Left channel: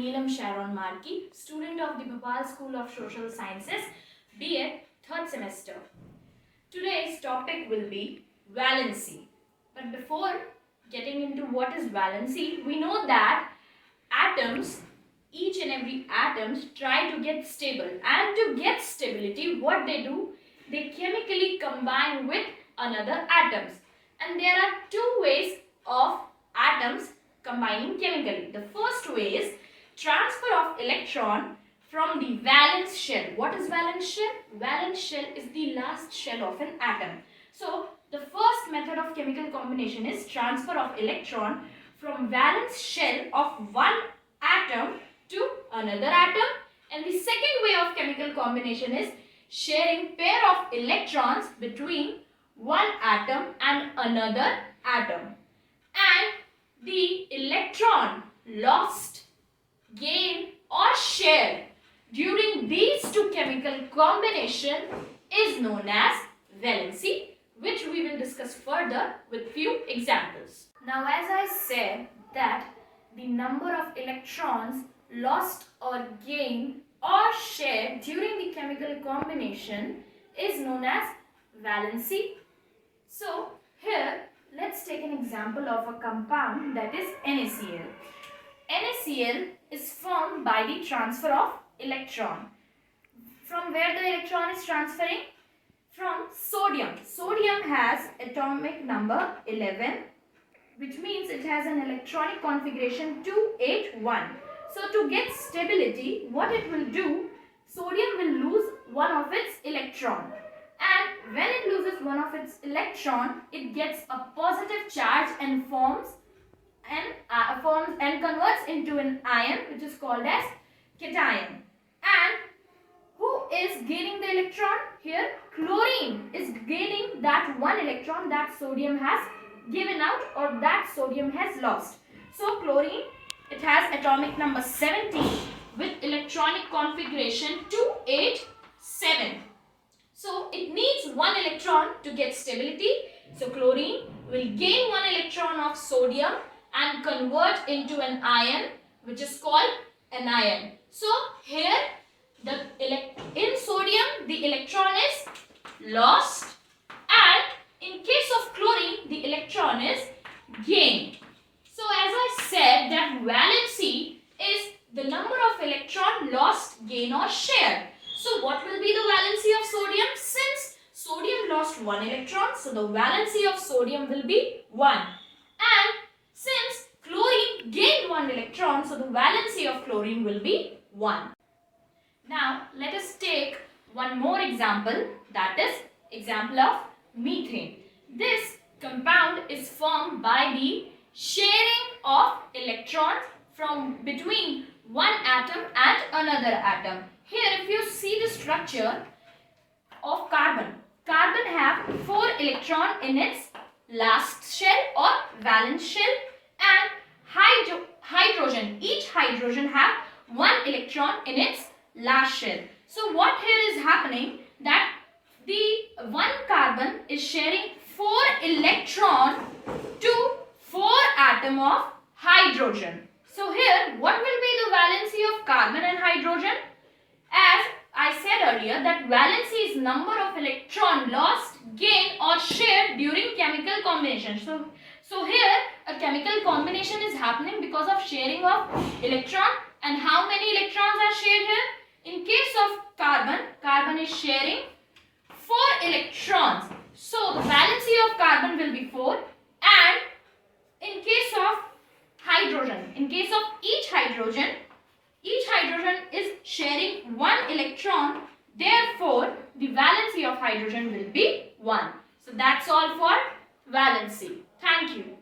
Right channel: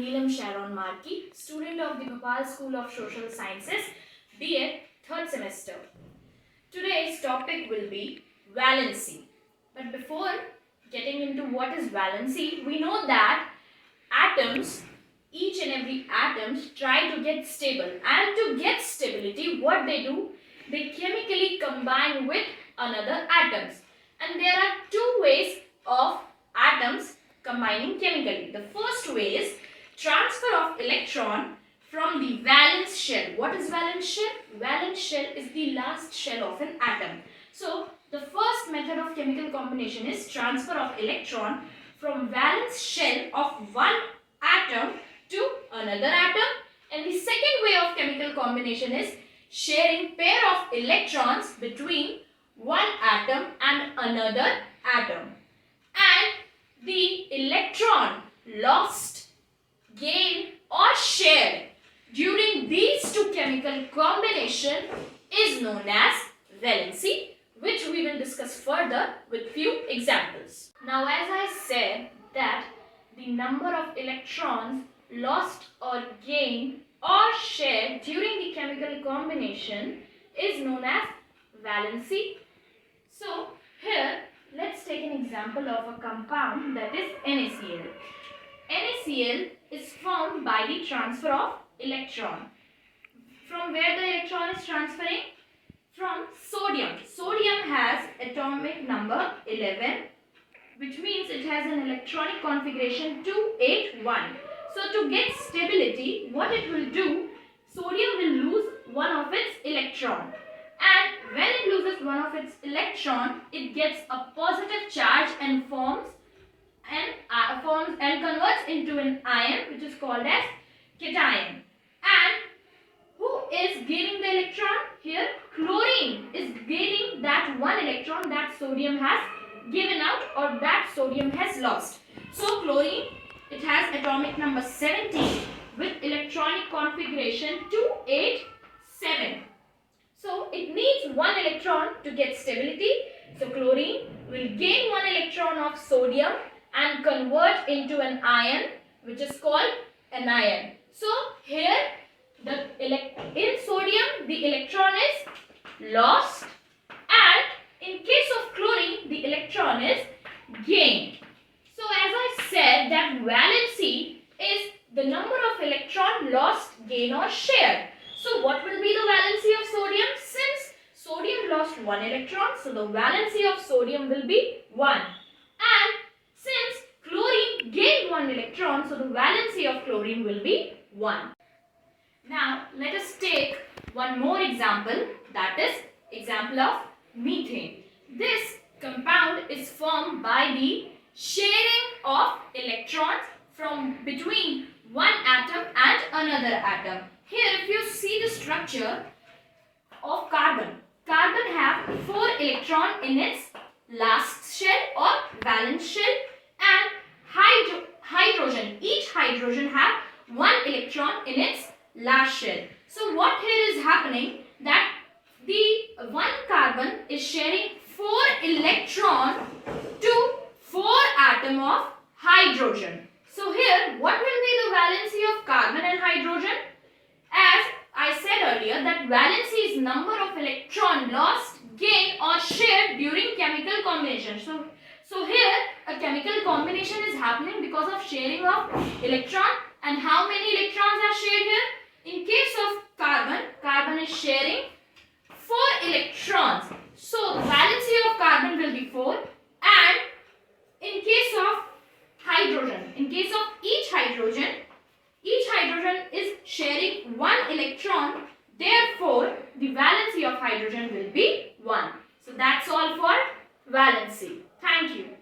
Neelam Sharon Markey, student of the Bhopal School of Social Sciences, BA, 3rd semester. Today's topic will be valency. But before getting into what is valency, we know that atoms, each and every atoms try to get stable, and to get stability, what they do, they chemically combine with another atoms. And there are two ways of atoms combining chemically. The first way is transfer of electron from the valence shell. What is valence shell? Valence shell is the last shell of an atom. So the first method of chemical combination is transfer of electron from valence shell of one atom to another atom. And the second way of chemical combination is sharing pair of electrons between one atom and another atom. And the electron lost, gained or shared during these two chemical combination is known as valency, which we will discuss further with few examples. Now, as I said that the number of electrons lost or gained or shared during the chemical combination is known as valency. So here let's take an example of a compound, that is NaCl. NaCl is formed by the transfer of electron. From where the electron is transferring? From sodium. Sodium has atomic number 11, which means it has an electronic configuration 281. So to get stability, what it will do, sodium will lose one of its electron. And when it loses one of its electron, it gets a positive charge and forms and converts into an ion, which is called as cation. And who is gaining the electron? Here, chlorine is gaining that one electron that sodium has given out or that sodium has lost. So chlorine, it has atomic number 17 with electronic configuration 287. So it needs one electron to get stability. So chlorine will gain one electron of sodium and convert into an ion, which is called anion. So here in sodium the electron is lost, and in case of chlorine the electron is gained. So as I said that valency is the number of electron lost, gain or share. So what will be the valency of sodium? Since sodium lost one electron, so the valency of sodium will be 1. And since chlorine gained one electron, so the valency of chlorine will be 1. Now let us take one more example, that is example of methane. This compound is formed by the sharing of electrons from between one atom and another atom. Here if you see the structure of carbon, carbon have 4 electrons in its last shell or valence shell, and hydrogen, each hydrogen have 1 electron in its last shell. So what here is happening, that the one carbon is sharing 4 electron to 4 atom of hydrogen. So here what will be the valency of carbon and hydrogen? As I said earlier that valency is number of electron lost, gained or shared during chemical combination. So here a chemical combination is happening because of sharing of electron. And how many electrons are shared here? In case of carbon, carbon is sharing 4 electrons. So the valency of carbon will be 4. And in case of hydrogen, in case of each hydrogen is sharing 1 electron. Therefore, the valency of hydrogen will be 1. So that's all for valency. Thank you.